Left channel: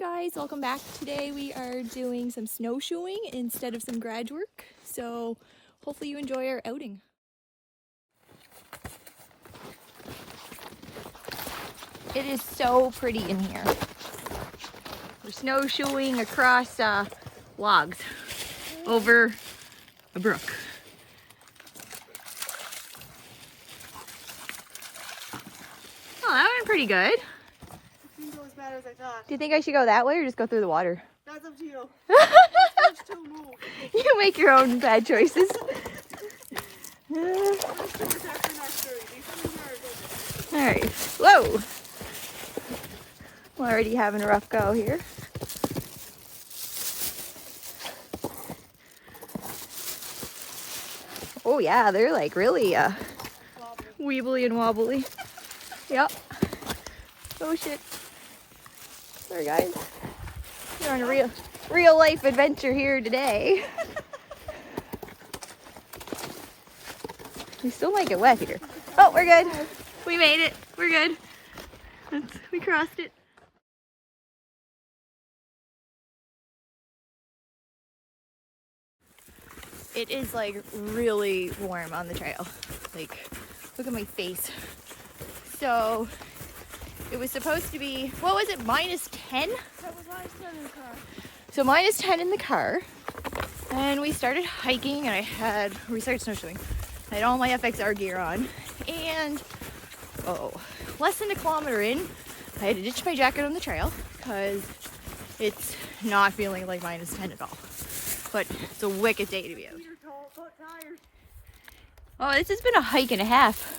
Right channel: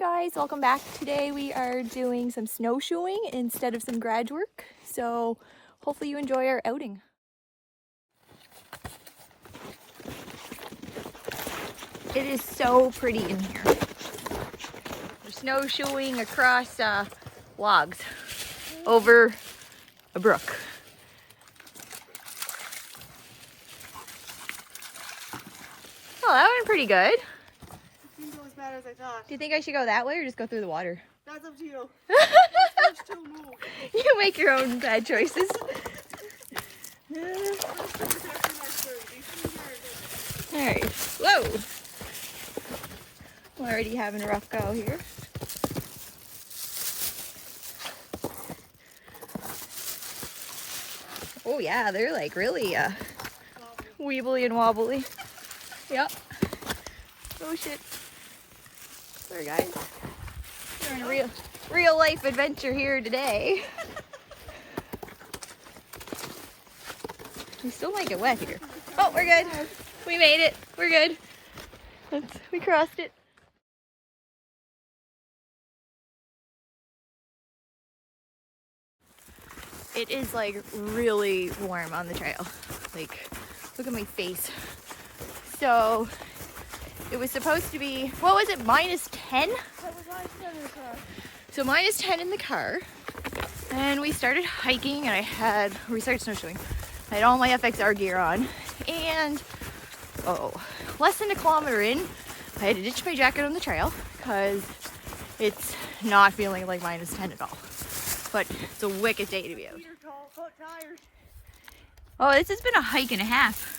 guys, welcome back. Today we are doing some snowshoeing instead of some garage work, so hopefully you enjoy our outing. It is so pretty in here. We're snowshoeing across logs over a brook. Oh, that went pretty good. It didn't go as bad as I thought. Do you think I should go that way or just go through the water? That's up to you. You make your own bad choices. Alright, whoa! We're already having a rough go here. Oh yeah, they're like really weebly and wobbly. Yep. Oh shit. Sorry guys. We're on a real life adventure here today. We still might get wet here. Oh, we're good. We made it. We're good. We crossed it. It is like really warm on the trail. Like, look at my face. So, it was supposed to be, what was it, -10? So -10 in the car. And we started hiking and we started snowshoeing. I had all my FXR gear on. And, less than a kilometer in, I had to ditch my jacket on the trail because it's not feeling like -10 at all. But it's a wicked day to be out. Oh, this has been a hike and a half.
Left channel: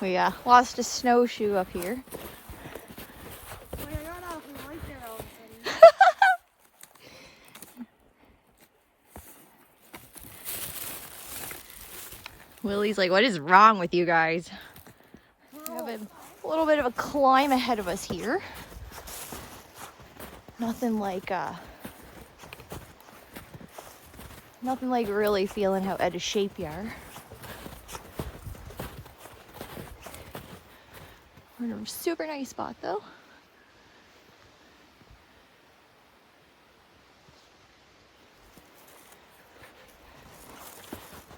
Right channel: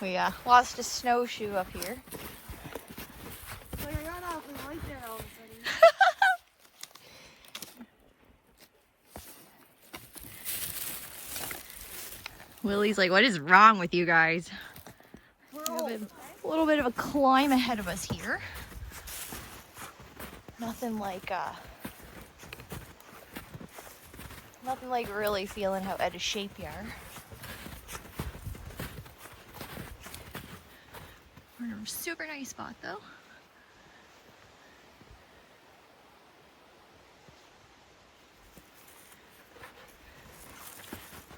Oh yeah, lost a snowshoe up here. Like I got off and like that all of a sudden. Willie's like, what is wrong with you guys? We're A old. little bit of a climb ahead of us here. Nothing like really feeling how out of shape you are. We're in a super nice spot though.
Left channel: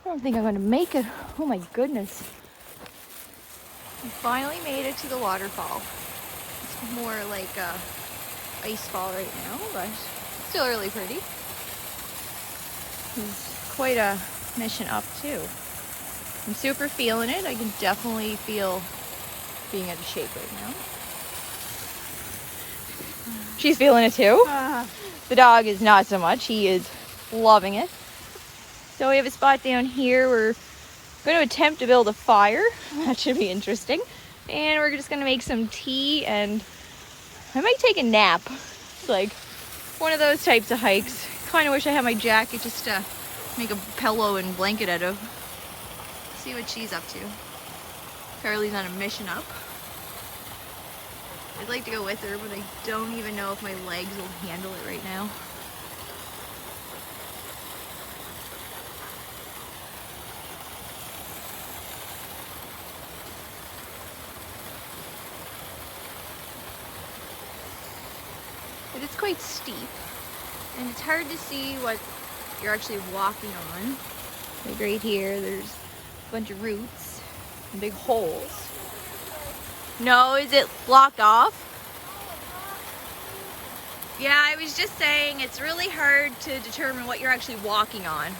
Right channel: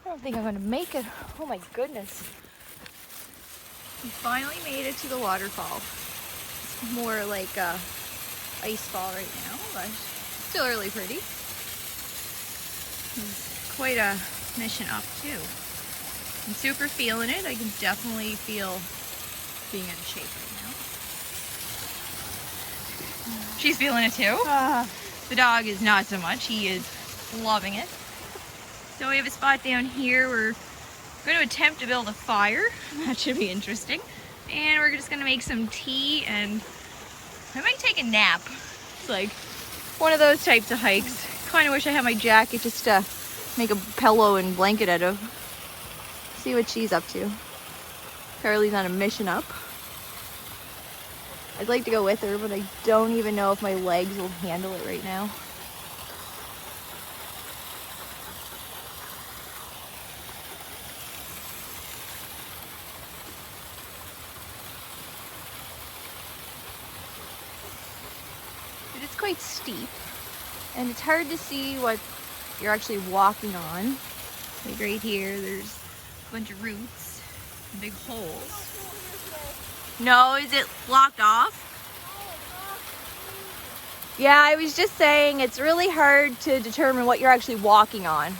I don't think I'm gonna make it. Oh my goodness. We finally made it to the waterfall. It's more like a ice fall right now, but still really pretty. It's quite a mission up too. I'm super feeling it. I can definitely feel being out of shape right now. She's feeling it too. The dog is not so much. He is loving it. So we have a spot down here. We're going to attempt to build a fire. That should be interesting. And we're just going to make some tea and I might take a nap. It's like one of those types of hikes. Kind of wish I had my jacket just to make a pillow and blanket out of. See what she's up to. Carly's on a mission up. I'd like to go with her, but I don't even know if my legs will handle it right now. It is quite steep, and it's hard to see what you're actually walking on. Like right here, there's a bunch of roots and big holes. No, is it blocked off? Yeah, I was just saying it's really hard to determine what you're actually walking on.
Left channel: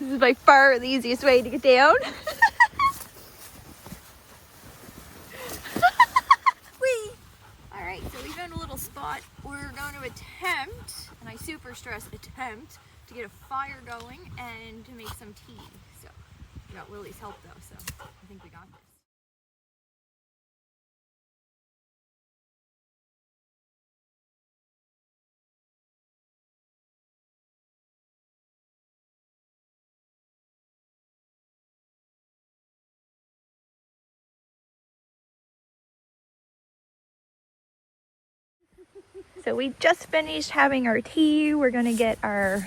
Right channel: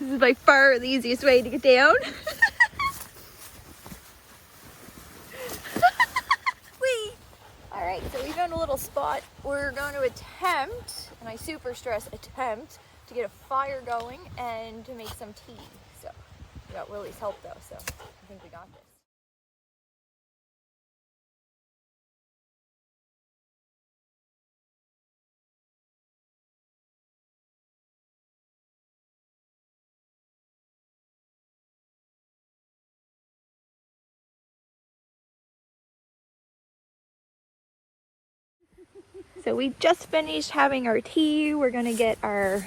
This is by far the easiest way to get down. Whee! Alright, so we found a little spot. We're going to attempt, and I super stress attempt, to get a fire going and to make some tea. So we got Willie's help though, so I think we got this. So we just finished having our tea. We're gonna get our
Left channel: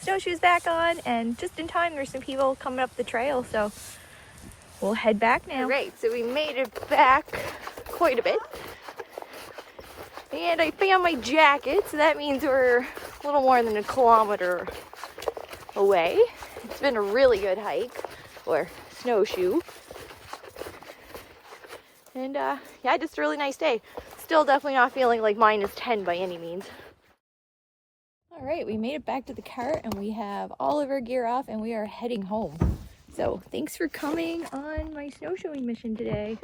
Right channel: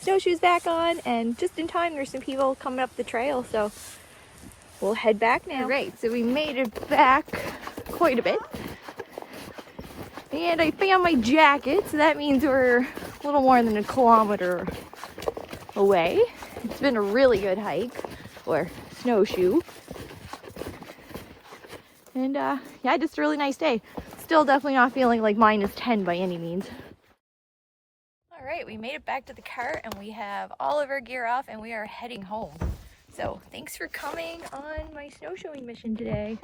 snowshoes back on, and just in time there's some people coming up the trail, so we'll head back now. Right, so we made it back quite a bit. And I found my jacket, so that means we're a little more than a kilometer away. It's been a really good hike with snowshoes. And yeah, just a really nice day. Still definitely not feeling like -10 by any means. All right, we made it back to the car and we have all of our gear off and we are heading home. So thanks for coming on my snowshoeing mission today.